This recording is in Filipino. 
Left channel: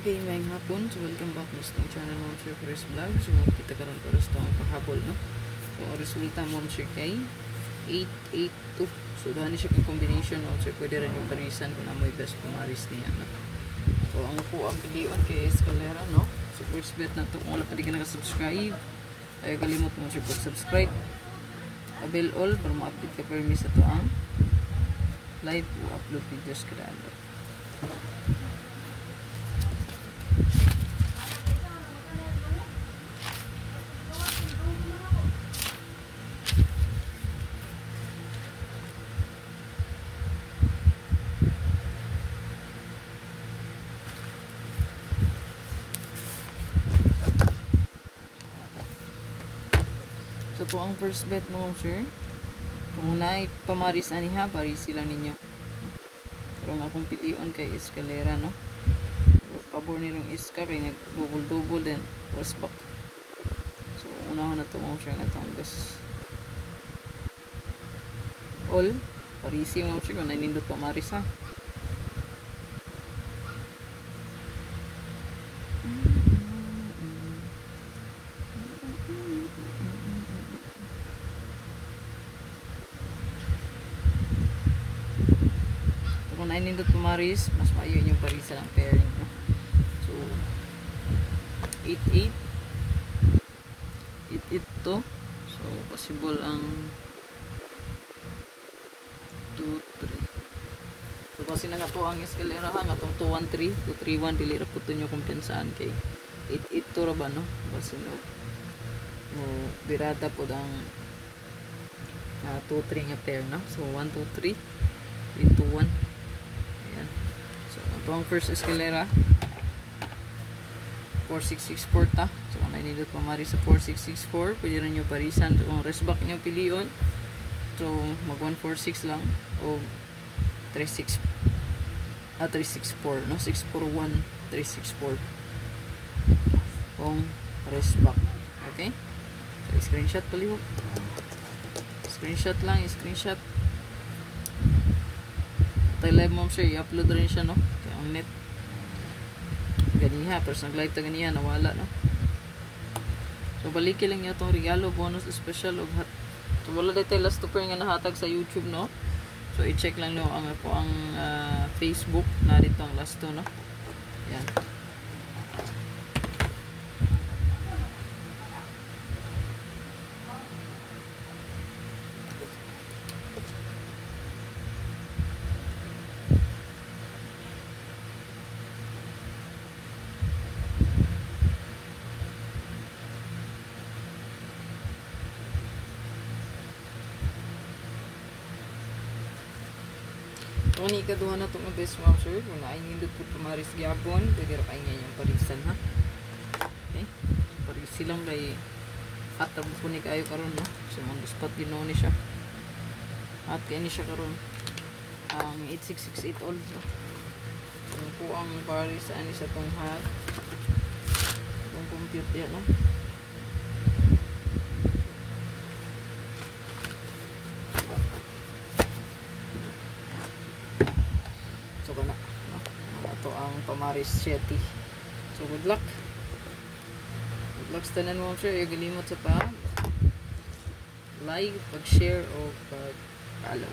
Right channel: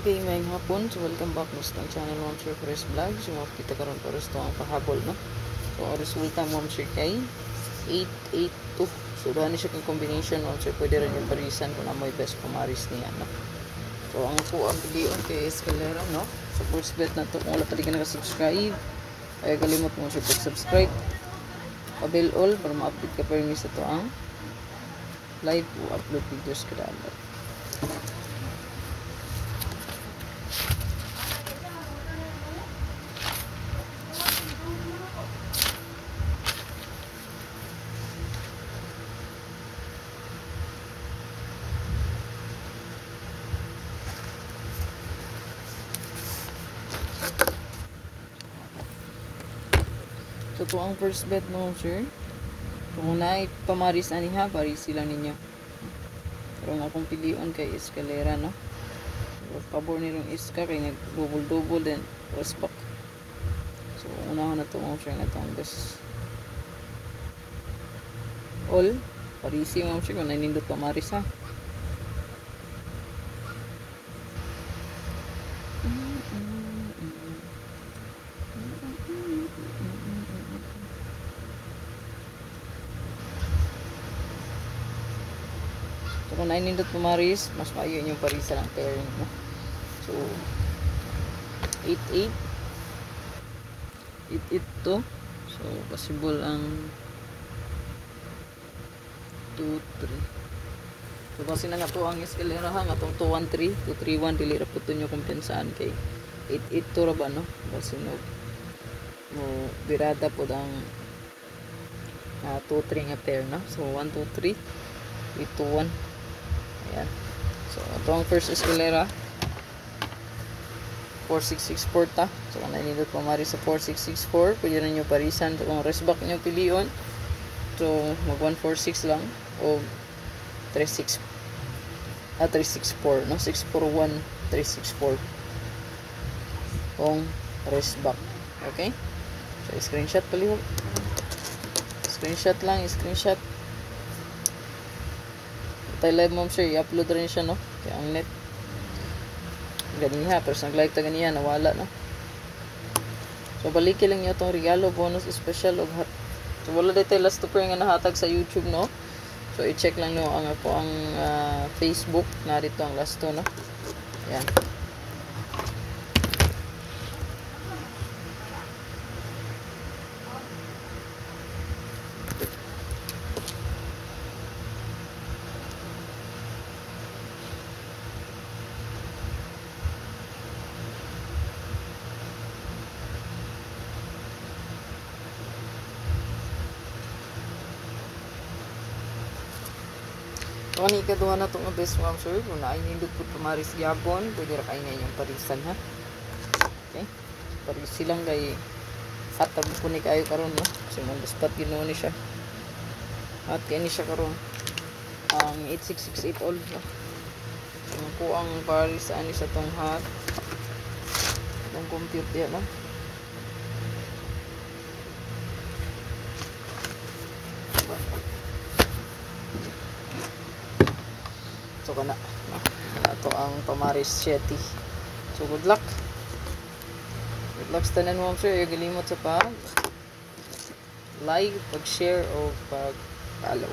Okay, may hapon. So, welcome back mo sa channel Mom Share Fresh Vlog. So, makikita karon para sa itong pahabol, no? So, ang resulta Mom Share kay 882. So, dahil siya kay combination, Mom Share, pwede rin yung parisan kung na may best pumaris niya, no? So, ang po ang video kay Escalera, no? So, first bet na ito. Kung wala pa di ka nakasubscribe, ay kalimot mo siya pag-subscribe. Pabil all para ma-update ka pa rin sa ito ang live o upload videos kada adlaw. So, kung ang first bet mo, sir, kung na pamaris na niya, parisi lang ninyo. Pero ang akong piliyon kay Escalera, no? Kabor nilong iska, kay nag-double-double din. Tapos back. So, unahan na ito mo, sir, na ito ang best. All, parisi mo, sir, kung nanindot pamaris, ha? Kung nainindot pumaris, mas maayo yung parisa lang pairing mo. So, 8-8. 8-8 to. So, possible ang 2-3. So, kasi na to ang Escalera ha. Natong 2-1-3. 2-3-1. Dili raputo nyo kumpiyansaan kay 8-8 to raba, no? Kasi no, birada po ang 2-3 nga pair, no? So, 1-2-3. 3-2-1. Ayan. So, ito ang first Escalera. 4664 ta. So, kung nainindot pamari sa 4664, pwede rin nyo parisan. So, kung rest back nyo piliyon, so, mag 146 lang. O 364, no? 641, 364. Kung rest back. Okay? So, screenshot palihog. Screenshot lang, screenshot. Tayo live mom sir, i-upload rin siya, no? Kaya ang net ganiha, pero nag-live ta ganiha, nawala, no? So balikin lang nyo itong regalo, bonus, special o hat. So wala dito yung last 2 pair nga nahatag sa YouTube, no? So i-check lang nyo ang ako ang Facebook na dito ang last 2, no? Yan. So, ang ikaduha na itong best mom sir, kung nainindot po pumaris gyapon, pwede ra kayo ngayon parisan, ha? Okay? So, parisi lang kay hatag po ni kayo karon, no? Kasi mong spot ginoon ni siya. At kaya ni siya karon ang 8668 all, no? Yung po ang parisan ni sa itong hat. Itong compute yan, no? So, kana ito ang pamaris Shetty. So, good luck sa tanan mo sir. Galimot sa pag like, pag share o pag follow.